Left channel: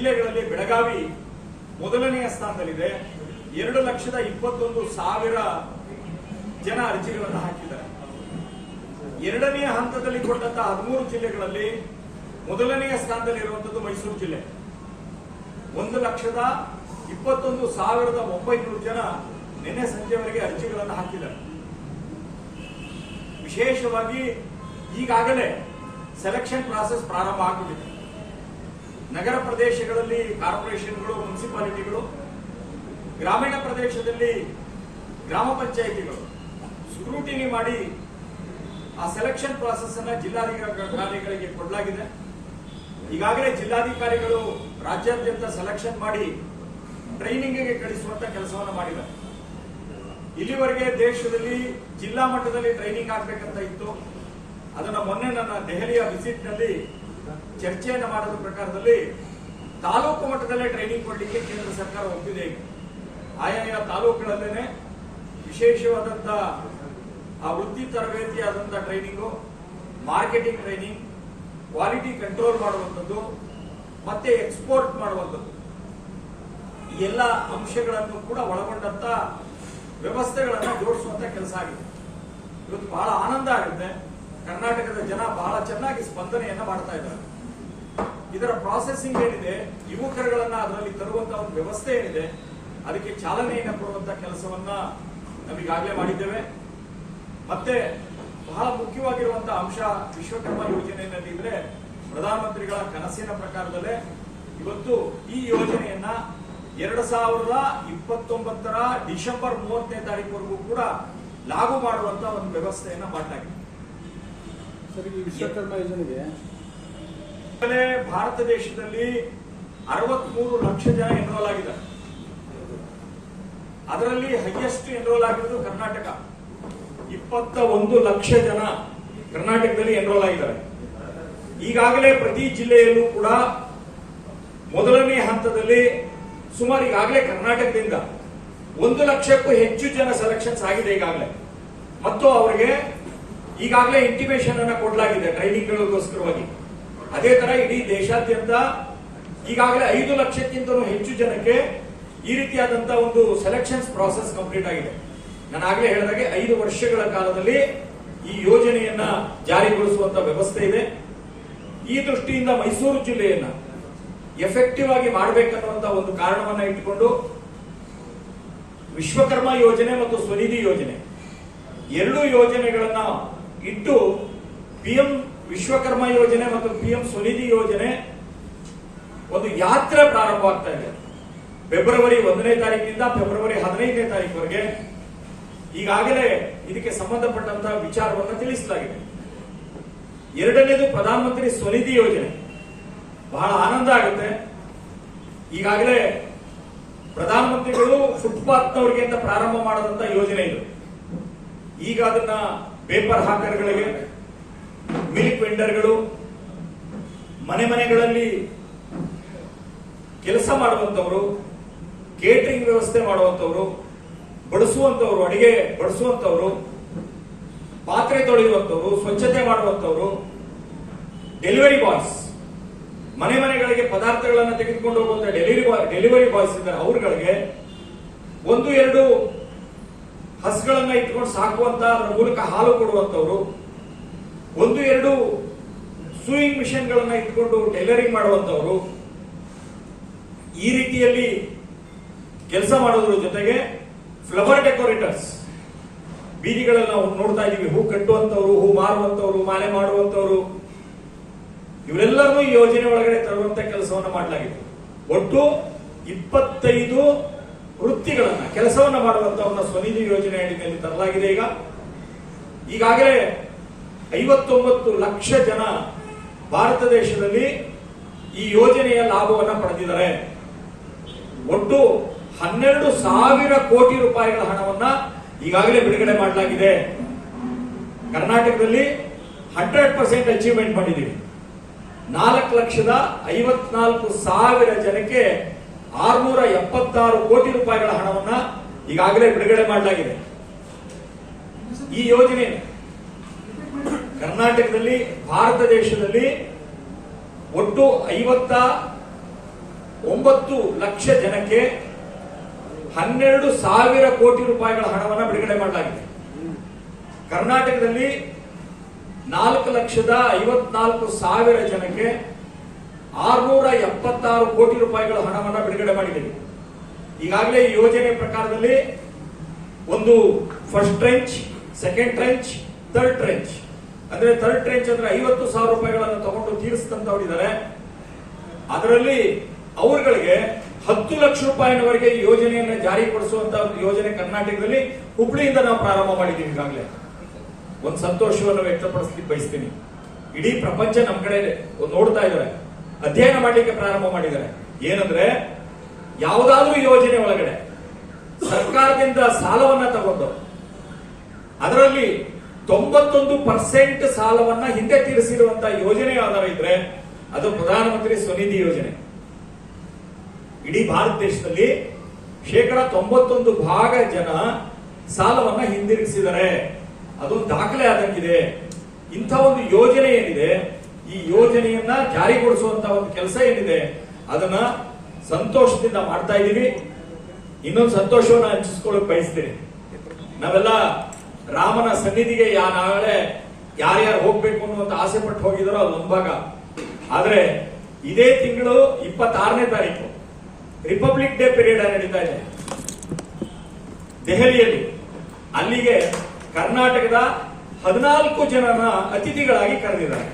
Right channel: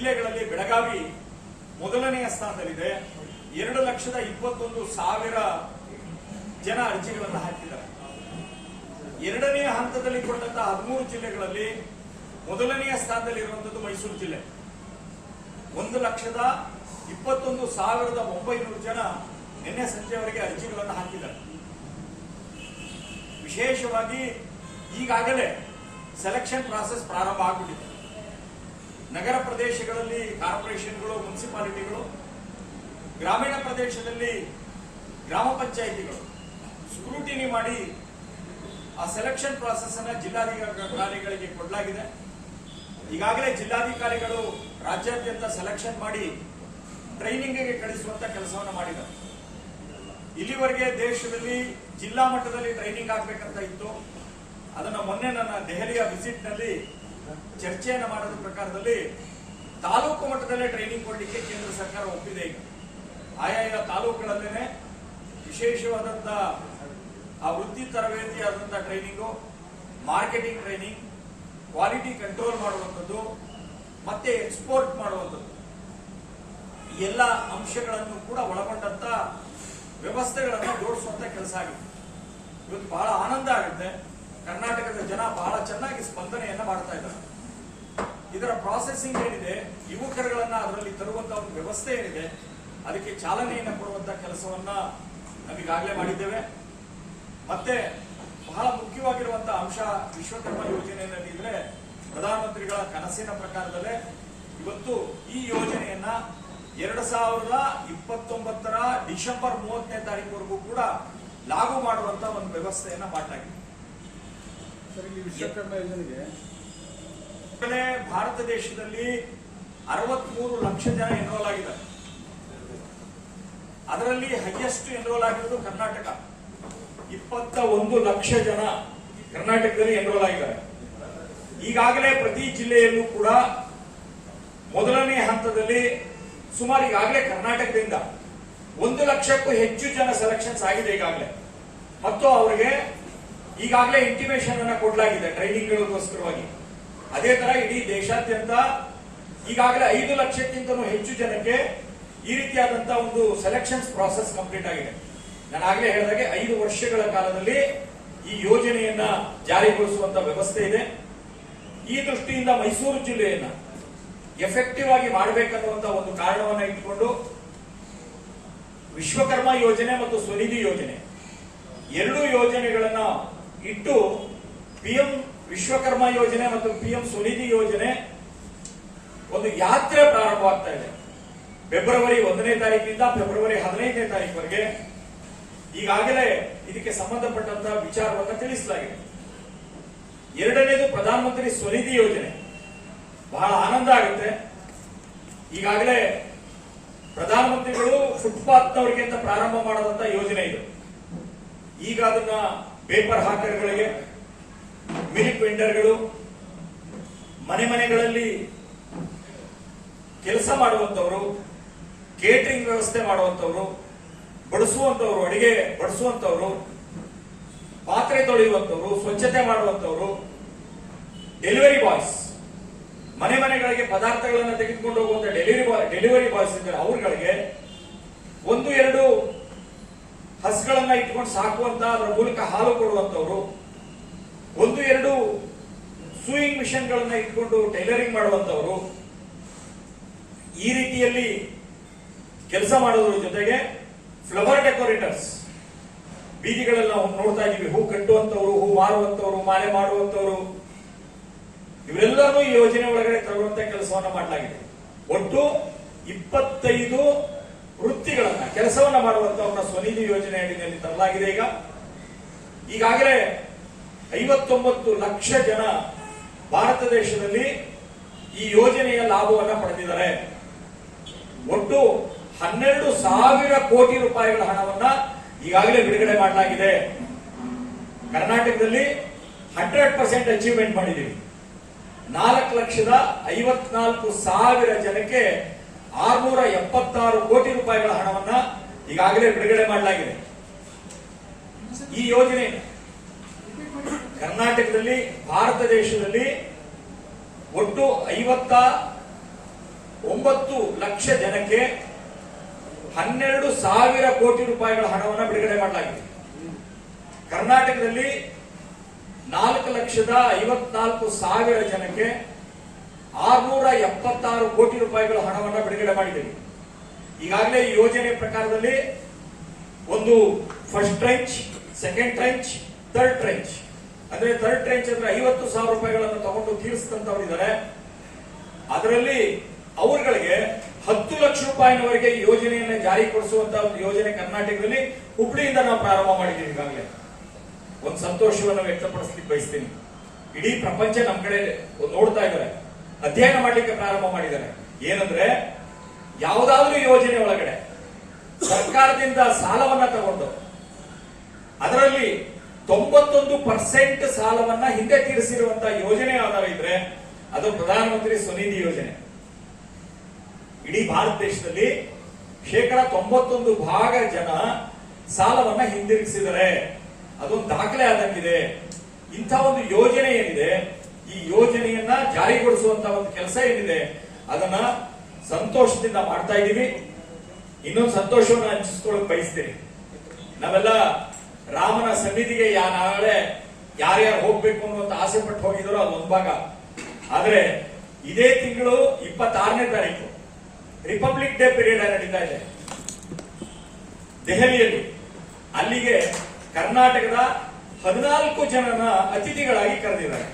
ಜಿಲ್ಲೆಗಳಲ್ಲಿ ಬೆಳಗಾವಿ ಮೊದಲನೆಯ ಸ್ಥಾನದಲ್ಲಿದೆ. ಎರಡು ಲಕ್ಷದ ಇಪ್ಪತ್ತೊಂದು ಸಾವಿರ ಜನ ಅರ್ಜಿಗಳನ್ನು ಹಾಕಿದ್ದಾರೆ. ಎರಡನೆಯ ಹಂತದಲ್ಲಿ ಕೊಟ್ಟಂತ ಹದಿಮೂರು ಜಿಲ್ಲೆಗಳಲ್ಲಿ ಮೊದಲನೆಯ ಸ್ಥಾನದಲ್ಲಿರುವಂತದ್ದು ಮೈಸೂರು ಜಿಲ್ಲೆ. ಒಂದು ಲಕ್ಷದ ಇಪ್ಪತ್ತೊಂದು ಸಾವಿರದ ಒಂಬೈನೂರು ಜನ ನಿನ್ನೆ ಸಂಜೆವರೆಗೆ ಅರ್ಜಿಗಳನ್ನು ಹಾಕಿದ್ದಾರೆ. ವಿಶೇಷವಾಗಿ ಈಗಾಗಲೇ ಸೆಲೆಕ್ಷನ್ ಪ್ರಾಸೆಸ್ ಪ್ರಾರಂಭ ಆಗಿಬಿಟ್ಟಿದೆ. ನಗರ ಪ್ರದೇಶಗಳಲ್ಲಿ ಕಾರ್ಪೊರೇಷನ್ಗಳು, ಮುನ್ಸಿಪಾಲಿಟಿಗಳು, ಗ್ರಾಮೀಣ ಪ್ರದೇಶದಲ್ಲಿ ಗ್ರಾಮ ಪಂಚಾಯಿತಿಗಳು ಸ್ಕ್ರೂಟಿನಿ ಮಾಡಿ ಆ ಸೆಲೆಕ್ಷನ್ ಪ್ರಾಸೆಸ್ ಅನ್ನ ಜಿಲ್ಲಾಧಿಕಾರಿಗಳಿಗೆ ಕೊಡಲಾಗಿದೆ. ಈಗಾಗಲೇ ಜಿಲ್ಲಾಧಿಕಾರಿಗಳು ರಾಜ್ಯಾದ್ಯಂತ ಸೆಲೆಕ್ಷನ್ ಮಾಡಿ ಟ್ರೈನಿಂಗ್ಗೆ ಕಳಿಸುವಂತ ಕೆಲಸವನ್ನು ಮಾಡಿದ್ದಾರೆ. ಇಲ್ಲಿವರೆಗೆ ದೇಶದಲ್ಲಿ ಜಿಲ್ಲಾ ಮಟ್ಟದಲ್ಲಿ ಟ್ರೈನಿಂಗ್ ಆಗ್ಬೇಕಂತ ಇತ್ತು. ಅದನ್ನ ಮೊನ್ನೆ ನನ್ನ ದೆಹಲಿಯ ವಿಸಿಟ್ನಲ್ಲಿ ಚರ್ಚೆಯನ್ನು ಮಾಡಿದ ಪ್ರಕಾರದಲ್ಲಿ ತಾಲೂಕು ಮಟ್ಟದಲ್ಲೇ ಟ್ರೈನಿಂಗ್ ಕೊಡಲಿಕ್ಕೆ ಕೇಂದ್ರ ಸರ್ಕಾರ ಒಪ್ಪಿದೆ. ಈಗ ಆಯಾಯ ತಾಲೂಕುಗಳಲ್ಲೇನೆ ವಿಶೇಷವಾದಂತ ಆ ವೃತ್ತಿ ತರಬೇತಿ ಆದಂತಹ training marketing training quality control ಮಾಡುವಂಥದ್ದು, ಮತ್ತೆ ಎಕ್ಸ್ಪೋರ್ಟ್ ಮಾಡುವಂಥದ್ದು. ಎಲ್ಲ ಅಂಶಗಳನ್ನು ಕೂಡ ಒಳಗೊಂಡಂತ ವ್ಯವಸ್ಥೆಗಳನ್ನು ಜೋಡಿಸುವಂತ ಕೆಲಸ ಆಗಿದೆ. ಇವತ್ತು ಬಹಳ ಆನಂದ ಆಗುತ್ತೆ. ಕರ್ನಾಟಕದ ಜನ ಬಹಳ ಚೆನ್ನಾಗಿ ಸ್ಪಂದನೆಯನ್ನ ಮಾಡ್ತಾ ಇದ್ದಾರೆ. ಇದರ ಪ್ರಾಸೆಸಿಂಗ್ ಏನಿದೆ, ಯುವಕರುಗಳನ್ನ ಅದರಲ್ಲಿ ತರುವಂತ ಒಂದು ವ್ಯವಸ್ಥೆ ಏನಿದೆ, ಅದಕ್ಕೆ ಚಾಲನೆಯನ್ನು ಕೊಡುವಂತ ಕೆಲಸವನ್ನ ನಾವೀಗಾಗಲೇ ಮಾಡಿದ್ದೇವೆ. ಮತ್ತೆ ಬಹಳ ಮುಖ್ಯವಾಗಿರುವಂತ ಅಂಶ ವಿಶ್ವಕರ್ಮ ಯೋಜನೆಯಲ್ಲಿ ಇದ್ರೆ ಪ್ರಧಾನಮಂತ್ರಿಗಳ ಕನಸಿನ ಪ್ರಕಾರದಲ್ಲೇ ಇವತ್ತು ಈ ಯೋಜನೆಯನ್ನ ಎರಡು ಸಾವಿರದ ಇಪ್ಪತ್ತೊಂಬತ್ತರ ಡಿಸೆಂಬರ್ ಮೂವತ್ತನೇ ತಾರೀಕುವರೆಗೂ ಕೂಡ ಲಾಗು ಮಾಡುವಂತ ಒಂದು ವ್ಯವಸ್ಥೆಯನ್ನ ಮಾಡಲಾಗಿದೆ ಸರ್ ಇಲ್ಲಿ ವಿಶ್ವಕರ್ಮ ಯೋಜನೆಗೆ ಈಗಾಗಲೇ ಭಾರತ ದೇಶದಲ್ಲಿ ಅರವತ್ಮೂರು ಲಕ್ಷ ಜನ ಎನ್ರೋಲ್ ಆಗಿದ್ದಾರೆ. ಅದರಲ್ಲಿ ಹೈಯೆಸ್ಟ್ ಎನ್ರೋಲ್ ಆಗಿರೋದು ಕರ್ನಾಟಕ. ಇಪ್ಪತ್ತ ಒಂದು ಲಕ್ಷ ಜನ ಕರ್ನಾಟಕದಲ್ಲಿ ಎನ್ರೋಲ್ ಆಗಿದ್ದಾರೆ. ಈಗಾಗಲೇ ಪ್ರತಿ ಜಿಲ್ಲೆಯಲ್ಲೂ ಕೂಡ ಮೊದಲನೇ ಹಂತದಲ್ಲಿ ಸುಮಾರು ಈಗಾಗಲೇ ಕರ್ನಾಟಕದಿಂದ ಒಂದು ಲಕ್ಷಕ್ಕೂ ಹೆಚ್ಚು ಜನ ಸೆಲೆಕ್ಷನ್ಸ್ ಆಗಿದೆ ಈಗಾಗಲೇ. ಮತ್ತು ಅವರಿಗೆ ಈಗಾಗಲೇ ಇಂಟಿಮೇಶನ್ ಅನ್ನ ಕೊಡಲಾಗಿದೆ ಟ್ರೈನಿಂಗ್ಗಳಿಗೋಸ್ಕರವಾಗಿ ಅದೇ ತರ ಇಡೀ ದೇಶಾದ್ಯಂತ ಈಗಾಗಲೇ ಐದು ಲಕ್ಷಕ್ಕಿಂತಲೂ ಹೆಚ್ಚು ಜನಕ್ಕೆ ಈ ರೀತಿಯಾದಂತಹ ಒಂದು ಸೆಲೆಕ್ಷನ್ಸ್ ಪ್ರಾಸೆಸ್ ಕಂಪ್ಲೀಟ್ ಆಗಿದೆ. ನಾನು ಆಗಲೇ ಹೇಳಿದಾಗೆ ಐದು ವರ್ಷಗಳ ಕಾಲದಲ್ಲಿ ಈ ಯೋಜನೆಯನ್ನ ಜಾರಿಗೊಳಿಸುವಂತ ವ್ಯವಸ್ಥೆ ಇದೆ. ಈ ದೃಷ್ಟಿಯಿಂದ ಮೈಸೂರು ಜಿಲ್ಲೆಯನ್ನ ಎಫೆಕ್ಟಿವ್ ಆಗಿ ಮಾಡಬೇಕನ್ನುವಂತ ಒಂದು ಕಾರಣವನ್ನ ಇಟ್ಟುಕೊಂಡು ವಿಶ್ವಕರ್ಮ ಯೋಜನೆ ಮತ್ತು ಸ್ವನಿಧಿ ಯೋಜನೆ, ಎರಡು ಯೋಜನೆಗಳನ್ನ ಇಟ್ಟು ಪಿಎಂ ವಿಶ್ವಕರ್ಮ ಯೋಜನೆ ಮತ್ತು ಪಿಎಂ ಸ್ವನಿಧಿ ಯೋಜನೆ ಒಂದು ಯಾತ್ರೆ ಪ್ರಾರಂಭವಾಗ್ತಾ ಇದೆ. ಫೆಬ್ರವರಿ ಒಂದನೇ ತಾರೀಕಿನಿಂದ ಫೆಬ್ರವರಿ ಹದಿನೈದನೇ ತಾರೀಕುವರೆಗೆ. ಈಗಾಗಲೇ ಇದಕ್ಕೆ ಸಂಬಂಧಪಟ್ಟಂತಹ ವಿಚಾರವನ್ನು ತಿಳಿಸಲಾಗಿದೆ. ಎರಡನೇದು ಪ್ರಧಾನಮಂತ್ರಿ ಸ್ವನಿಧಿ ಯೋಜನೆ. ಬಹಳ ಆನಂದ ಆಗುತ್ತೆ. ಈಗಾಗಲೇ ಪ್ರಧಾನಮಂತ್ರಿಗಳು ಫುಟ್ಪಾತ್ನವರಿಗೆ ಅಂತ ಪ್ರಾರಂಭ ಮಾಡದಂತ ಯೋಜನೆ ಇದೆ. ಈಗ ಅದನ್ನ ಪೇಪರ್ ಹಾಕರ್ಗಳಿಗೆ, ಮಿಲ್ಕ್ ವೆಂಡರ್ಗಳು, ಮನೆ ಮನೆಗಳಲ್ಲಿ ಕೆಲಸ ಮಾಡುವಂತವರು ಕೇಟರಿಂಗ್ ವ್ಯವಸ್ಥೆ ಮಾಡುವಂತವರು ಬಡಿಸುವಂತವರು ಅಡಿಗೆ ಬಡಿಸುವಂತವರು ಪಾತ್ರೆ ತೊಳೆಯುವಂತವರು ಸ್ವಚ್ಛತೆ ಮಾಡುವಂತವರು ಡೆಲಿವರಿ ಬಾಯ್ಸ್, ಮನೆ ಮನೆಗಳಿಗೆ ಪದಾರ್ಥಗಳನ್ನು ತೆಗೆದುಕೊಂಡು ಹೋಗುವಂತ ಡೆಲಿವರಿ ಬಾಯ್, ಡೆಲಿವರಿ ಬಾಯ್ಸ್ ಇದ್ದಾರೆ, ಅವರುಗಳಿಗೆ ಒಂದು, ಎರಡು ಹಸ್ಗಳನ್ನ ಇಟ್ಕೊಂಡು ಸಾಕುವಂತ ಅದರ ಮೂಲಕ ಹಾಲು ಕೊಡುವಂತವರು ಒಂದು ಎರಡು ಸೂಯಿಂಗ್ ಮಿಷನ್ಗಳನ್ನ ಇಟ್ಕೊಂಡು ಟೈಲರಿಂಗ್ ಮಾಡುವಂತವರು ಈ ರೀತಿಯಲ್ಲಿ ಕೆಲಸ ಮಾಡೋದ್ರ ಜೊತೆಗೆ ಫ್ಲವರ್ ಡೆಕೋರೇಟರ್ಸ್ ಬೀದಿಗಳಲ್ಲಿ ನಾವು ನೋಡ್ತಾ ಇದೀವಿ ಹೂ ಕಟ್ಟುವಂತವರು ಹೂ ಮಾರುವಂತವರು ಮಾಲೆ ಮಾಡುವಂತವರು ಇವರೆಲ್ಲರೂ ಈ ಯೋಜನೆ ಒಳಗಡೆ ತರುವಂತ ಕೆಲಸವನ್ನ ಮಾಡಲಾಗಿದೆ. ಒಟ್ಟು ಇಪ್ಪತ್ತೈದು ವೃತ್ತಿಗಳನ್ನ, ಕೆಲಸವನ್ನ ಮಾಡುವಂತವನ್ನ ಸ್ವನಿಧಿ ಯೋಜನೆ ಅಡಿಯಲ್ಲಿ ತರಲಾಗಿದೆ ಈಗ. ಈಗಾಗಲೇ ಐವತ್ತೊಂಬತ್ತು ಲಕ್ಷ ಜನ ಭಾರತ ದೇಶದಲ್ಲಿ ಈ ಯೋಜನೆಯ ಲಾಭವನ್ನ ಪಡೆದಿದ್ದಾರೆ. ಒಟ್ಟು ಹನ್ನೆರಡು ಸಾವಿರ ಕೋಟಿ ರೂಪಾಯಿಗಳ ಹಣವನ್ನ ಈಗಾಗಲೇ ಬಿಡುಗಡೆ ಮಾಡಲಾಗಿದೆ. ಕರ್ನಾಟಕದಲ್ಲಿ ಹಂಡ್ರೆಡ್ ಪರ್ಸೆಂಟ್ ಅಚೀವ್ಮೆಂಟ್ ಮಾಡಿದ್ದೀವಿ. ನಾಲ್ಕು ಲಕ್ಷದ ಐವತ್ನಾಲ್ಕು ಸಾವಿರ ಜನಕ್ಕೆ ಆರ್ನೂರ ಎಪ್ಪತ್ತಾರು ಕೋಟಿ ರೂಪಾಯಿಗಳ ಹಣವನ್ನ ಈಗಾಗಲೇ ಬಿಡುಗಡೆ ಮಾಡಲಾಗಿದೆ. ಈ ಯೋಜನೆ ಕರ್ನಾಟಕದಲ್ಲಿ, ಭಾರತ ದೇಶದಲ್ಲಿ ಒಟ್ಟು ಐವತ್ತ ಒಂಬತ್ತು ಲಕ್ಷ ಜನಕ್ಕೆ ಹನ್ನೆರಡು ಸಾವಿರ ಕೋಟಿ ರೂಪಾಯಿಗಳ ಹಣವನ್ನು ಬಿಡುಗಡೆ ಮಾಡಲಾಗಿದೆ. ಕರ್ನಾಟಕದಲ್ಲಿ ನಾಲ್ಕು ಲಕ್ಷದ ಐವತ್ನಾಲ್ಕು ಸಾವಿರ ಜನಕ್ಕೆ ಆರ್ನೂರ ಎಪ್ಪತ್ತಾರು ಕೋಟಿ ರೂಪಾಯಿಗಳ ಹಣವನ್ನು ಬಿಡುಗಡೆ ಮಾಡಿದ್ದೀವಿ ಈಗಾಗಲೇ ಈ ಯೋಜನೆ ಪ್ರಕಾರದಲ್ಲಿ ಒಂದು first tranche second tranche third tranche ಅಂದ್ರೆ ಥರ್ಡ್ ಟ್ರೆಂಚ್ ಅಂದ್ರೆ ಐವತ್ತು ಸಾವಿರ ರೂಪಾಯಿಗಳನ್ನು ತಗೊಂಡು ತೀರಿಸಿದಂತವರಿದ್ದಾರೆ. ಅದರಲ್ಲಿ ಅವರುಗಳಿಗೆ ಹತ್ತು ಲಕ್ಷ ರೂಪಾಯಿನವರೆಗೆ ಈ ಯೋಜನೆಯನ್ನು ಜಾರಿಗೊಳಿಸುವಂತ ಒಂದು ಯೋಜನೆ ಕರ್ನಾಟಕದಲ್ಲಿ ಹುಬ್ಳಿಯಿಂದ ನಾವು ಪ್ರಾರಂಭ ಮಾಡಿದ್ದೀವಿ ಈಗಾಗಲೇ. ಒಂದು ಸಂತೋಷವನ್ನು ವ್ಯಕ್ತಪಡಿಸಲಿಕ್ಕೆ ಬಯಸ್ತೀನಿ. ಇಡೀ ಪ್ರಪಂಚ ನಮ್ಮ ಕಡೆ ನೋಡ್ತಾ ಇದ್ದಾರೆ. ಅಧ್ಯಯನ ಮಾಡಲಿಕ್ಕೆ ಪ್ರಾರಂಭ ಮಾಡಿದ್ದಾರೆ. ಏನಂದ್ರೆ, ಯಾವುದಾದ್ರೂ ಯೋಜನೆ ಒಳಗಡೆ ಸರ್ಕಾರದಿಂದ ಸಾಲವನ್ನ ತಗೊಂಡು, ಅದರಲ್ಲಿ ತೊಂಬತ್ತೊಂದು ಪರ್ಸೆಂಟ್ ಸಾಲವನ್ನ ಹಿಂದೆ ತೀರಿಸಿರುವಂತಹ ಯೋಜನೆ ಯಾವ್ದಾರ ಇದ್ರೆ, ಅದು ಪ್ರಧಾನಮಂತ್ರಿ ಸ್ವನಿಧಿ ಯೋಜನೆ. ಇಡೀ ಭಾರತ ದೇಶದಲ್ಲಿ ಶೇಕಡ ತೊಂಬತ್ತೊಂದು ಭಾಗ ಜನ ಸಾಲವನ್ನ ಹಿಂದಿರುಗಿಸಿದ್ದಾರೆ. ಅದೊಂದು ದಾಖಲೆ ಆದಂಗಿದೆ. ಇಂಥ ಒಂದು ಯೋಜನೆ ಏನಿದೆ ಈ ಯೋಜನೆಯನ್ನ ಜಾರಿಗೊಳಿಸುವಂತ ಒಂದು ಕೆಲಸ ಏನಿದೆ, ಅದನ್ನ ಸಂತೋಷದಿಂದ ಮಾಡ್ತಾ ಇದ್ದೀವಿ ಇನ್ನೊಂದು ಸಂತೋಷವನ್ನ ಹಂಚಿಸ್ಕೊಳ್ಳಕ್ ಬಯಸ್ತೀನಿ. ನಾವೆಲ್ಲ ರಾಮನ ಸನ್ನಿಧಿಗೆ ಯಾ ನಾಳೆ ಯಾರ್ಯಾರು ಹೋಗ್ಬೇಕು ಅನ್ನುವಂತ ಆಸೆ ಪಟ್ಟು ಹೋಗಿದ್ರು ಅದು ಒಂದು ಭಾಗ ಆದ್ರೆ ಇದೇ ತಿಂಗಳು ಇಪ್ಪತ್ತಾರನೇ ತಾರೀಕು, ರಿಪಬ್ಲಿಕ್ ಡೇ ಪೀರಿಯಡ್ ನಡೀತಾ ಇದೆ. ದೆಹಲಿಯಲ್ಲಿ ಅಲ್ಲಿಗೆ ಕರ್ನಾಟಕದ ಹದಿನಾಲ್ಕು ಜನರ ಅತಿಥಿಗಳಾಗಿ ಕರೆದಿದ್ದಾರೆ.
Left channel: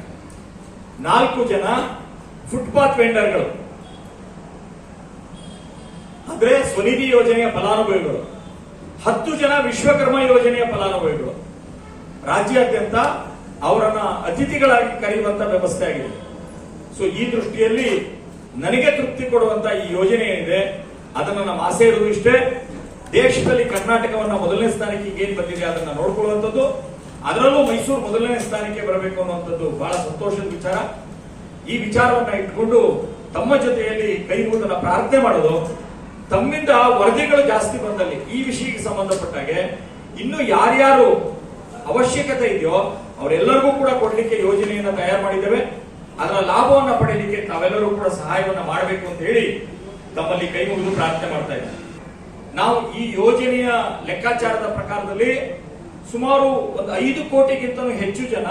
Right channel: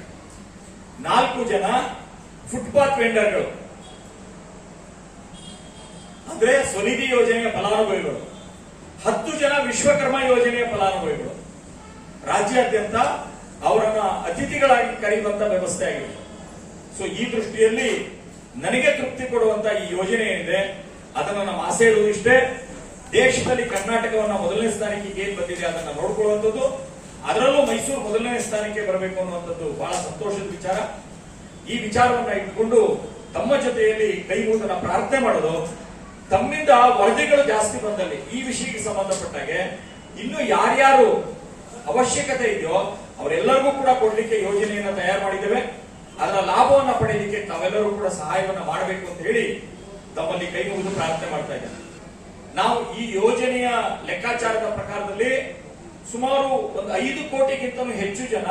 ನಾಲ್ಕು ಜನ ಫುಟ್ಪಾತ್ ವೆಂಡರ್ಗಳು ಅಂದ್ರೆ ಸ್ವನಿಧಿ ಯೋಜನೆಯ ಫಲಾನುಭವಿಗಳು. ಹತ್ತು ಜನ ವಿಶ್ವಕರ್ಮ ಯೋಜನೆಯ ಫಲಾನುಭವಿಗಳು. ರಾಜ್ಯಾದ್ಯಂತ ಅವರನ್ನ ಅತಿಥಿಗಳಾಗಿ ಕರೆಯುವಂತ ವ್ಯವಸ್ಥೆ ಆಗಿದೆ. ಸೊ ಈ ದೃಷ್ಟಿಯಲ್ಲಿ ನನಗೆ ತೃಪ್ತಿ ಕೊಡುವಂತ ಈ ಯೋಜನೆ ಏನಿದೆ, ಅದನ್ನು ನಮ್ಮ ಆಸೆ ಇರುವುದು ಇಷ್ಟೇ. ದೇಶದಲ್ಲಿ ಕರ್ನಾಟಕವನ್ನ ಮೊದಲನೇ ಸ್ಥಾನಕ್ಕೆ ಏನ್ ಬಂದಿದೆ, ಅದನ್ನ ನೋಡ್ಕೊಳ್ಳುವಂಥದ್ದು. ಅದರಲ್ಲೂ ಮೈಸೂರು ಮೊದಲನೇ ಸ್ಥಾನಕ್ಕೆ ಬರಬೇಕು ಅನ್ನುವಂಥದ್ದು ಬಹಳ ಸಂತೋಷದ ವಿಚಾರ. ಈ ವಿಚಾರವನ್ನ ಇಟ್ಕೊಂಡು ತಮ್ಮ ಜೊತೆಯಲ್ಲಿ ಕೈ ಮುಗಿದ ಪ್ರಾರ್ಥನೆ ಮಾಡೋದು. ತಮ್ಮಿಂದ ವರದಿಗಳು ಜಾಸ್ತಿ ಬಂದಲ್ಲಿ ಈ ವಿಷಯಕ್ಕೆ ಸಂಬಂಧಪಟ್ಟಾಗೆ ಇನ್ನು ಯಾರ್ಯಾರು ಅವಶ್ಯಕತೆ ಇದೆಯೋ ಅವರೆಲ್ಲರಿಗೂ ಕೂಡ ಕೊಡಲಿಕ್ಕೆ ಯೋಜನೆಯನ್ನ ತಯಾರು ಮಾಡಿದ್ದೇವೆ. ಅದರ ಲಾಭವನ್ನ ಪಡೆಯಲಿಕ್ಕೆ ತಾವೆಲ್ಲರೂ ಕೂಡ ಸಹಾಯವನ್ನ ಮಾಡಬೇಕು ಅಂತ ಹೇಳಿ ತಮ್ಮಲ್ಲಿ ಕೈ ಪ್ರಾರ್ಥನೆ ಮಾಡ್ತಾ ಇದ್ದೇವೆ ನಾವು ಈ ಯೋಜನೆಯ ಲೆಕ್ಕಾಚಾರದ ಪ್ರಕಾರದಲ್ಲಿ ಸುಮಾರು ಒಂದು ಐದು ಕೋಟಿಗಿಂತಲೂ ಹೆಚ್ಚು ಜನ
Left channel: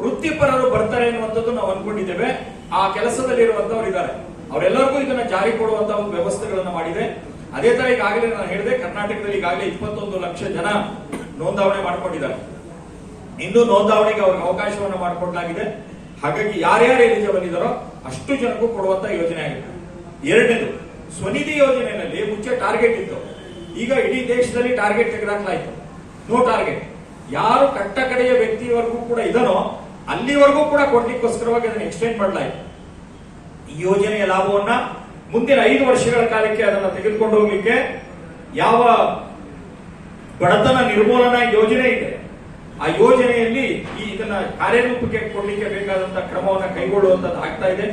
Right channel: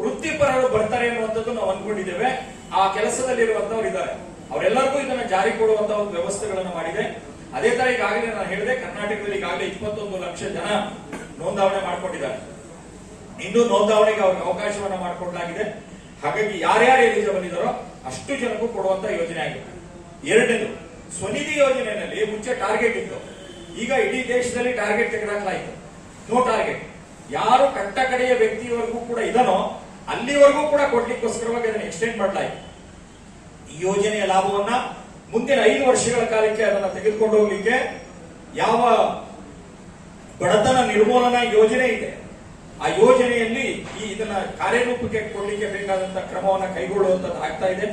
ವೃತ್ತಿಪರರು ಬರ್ತಾರೆ ಅನ್ನುವಂಥದ್ದು ನಾವು ಅನ್ಕೊಂಡಿದ್ದೇವೆ. ಆ ಕೆಲಸದಲ್ಲಿರುವಂತವ್ರು ಇದ್ದಾರೆ. ಅವರೆಲ್ಲರಿಗೂ ಇದನ್ನ ಜಾರಿ ಕೊಡುವಂತ ಒಂದು ವ್ಯವಸ್ಥೆಗಳನ್ನು ಮಾಡಿದೆ. ಅದೇ ತರ ಈಗಾಗಲೇ ನಾನು ಹೇಳಿದೆ, ಕರ್ನಾಟಕದಲ್ಲಿ ಈಗಾಗಲೇ ಇಪ್ಪತ್ತೊಂದು ಲಕ್ಷ ಜನ ನೋಂದಾವಣೆ ಮಾಡ್ಕೊಂಡಿದ್ದಾರೆ. ಇನ್ನು ನೋಂದಾವಣೆಗೆ ಅವ್ರಿಗೆ ಅವಕಾಶವನ್ನು ಮಾಡಿಕೊಡಲಾಗಿದೆ. ಹಾಗಾಗಿ ಯಾರ್ಯಾರು ಎಲಿಜಿಬಲ್ ಬಂದಿದಾರೋ ಅಷ್ಟು ಜನಕ್ಕೂ ಕೊಡುವಂತ ಯೋಜನೆ ಆಗಿದೆ. ಎರಡನೇದು, ಸ್ವನಿಧಿ ಯೋಜನೆಯಲ್ಲಿ ಮುಂಚೆ ಟಾರ್ಗೆಟ್ ಇತ್ತು. ಈಗ ಇಡೀ ದೇಶದಲ್ಲಿ ಟಾರ್ಗೆಟ್ ತೆಗೆದಾಕಲಾಯಿತು. ನೋ ಟಾರ್ಗೆಟ್ ಯಾರು ಕಟ್ಟ ಕಡೆಯ ವ್ಯಕ್ತಿವರೆಗೂ ಕೂಡ ಇದನೋ, ಅಲ್ಲಿವರೆಗೂ ಕೂಡ ಕೊಡ್ಲಿಕ್ಕೋಸ್ಕರವಾಗಿ ಅದನ್ನು ಎಕ್ಸ್ಟೆಂಡ್ ಮಾಡಲಾಯಿತು. ಈ ಯೋಜನೆಯ ಲಾಭವನ್ನ ಮುಂದಿನ ಐದು ವರ್ಷಗಳ ಕಾಲಕ್ಕೆ ಅದನ್ನು ತೆಗೆದುಕೊಂಡು ಹೋಗ್ಲಿಕ್ಕೆ ಯಾವ ಬಡತನ ನಿರ್ಮೂಲನಾ ಯೋಜನೆ ಇದೆ. ಆ ಯೋಜನೆಯಲ್ಲಿ ಈ ಇದನ್ನ ಕಾರ್ಯರೂಪಕ್ಕೆ ಕೊಡ್ಲಿಕ್ಕೆ ಬೇಕಾದಂತಹ ಕ್ರಮವನ್ನು ಕೈಗೊಳ್ಳುವಂತದ್ದು ಆಗ್ತಾ ಇದೆ.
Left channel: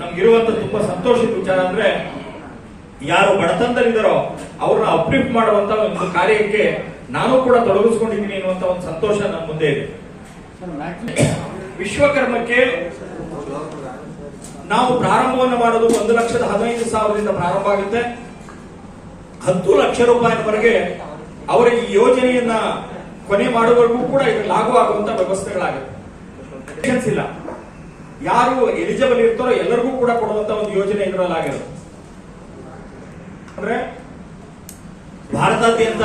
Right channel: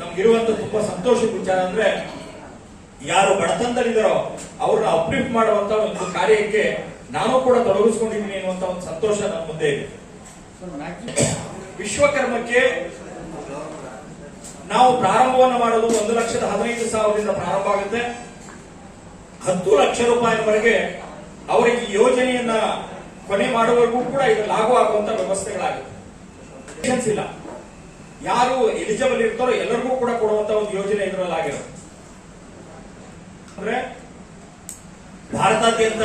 ನಮ್ಗಿರುವಂತ ತುಂಬಾ ಸಂತೋಷದ ವಿಚಾರ ಅಂದ್ರೆ ಯಾರು ಬಡತನದಲ್ಲಿದ್ದಾರೋ ಅವ್ರನ್ನ ಅಪ್ಲಿಫ್ಟ್ ಮಾಡುವಂತ ಒಂದು ಕಾರ್ಯಕ್ಕೆ ನಾನು ಕೂಡ ತೊಡಗಿಸ್ಕೊಂಡಿದ್ದೀನಿ ಅನ್ನುವಂತ ಒಂದು ಸಂತೋಷ ನನ್ನ ಮುಂದೆ ಇದೆ. ವಿಶ್ವಕರ್ಮಕ್ಕೆ ನಾವು ಪ್ರಾರಂಭವನ್ನು ಮಾಡೋದು ಒಂದು ಲಕ್ಷದ ಹದಿನೈದು ಸಾವಿರದಿಂದ ಪ್ರಾರಂಭ ಆಗುತ್ತೆ. ಹತ್ತು ಲಕ್ಷ ರೂಪಾಯಿವರೆಗೆ ಅವರ ಈ ಯೋಜನೆಯನ್ನ ಕೊನೆ ಮಾಡುವವರೆಗೂ ಕೂಡ ಇದು ಲಾಗು ಆಗುವಂತ ವ್ಯವಸ್ಥೆಗಳಾಗುತ್ತೆ ಇಲ್ಲ. ಯಾರು ಎಲಿಜಿಬಲ್ ಇರ್ತಾರೋ ಎಲ್ಲರಿಗೂ ಕೂಡ ಕೊಡುವಂತ ಒಂದು ಯೋಜನೆ ಇದರಲ್ಲಿ ಆಗಿರೋದು ಅಂದ್ರೆ ಭಾರತಾದ್ಯಂತ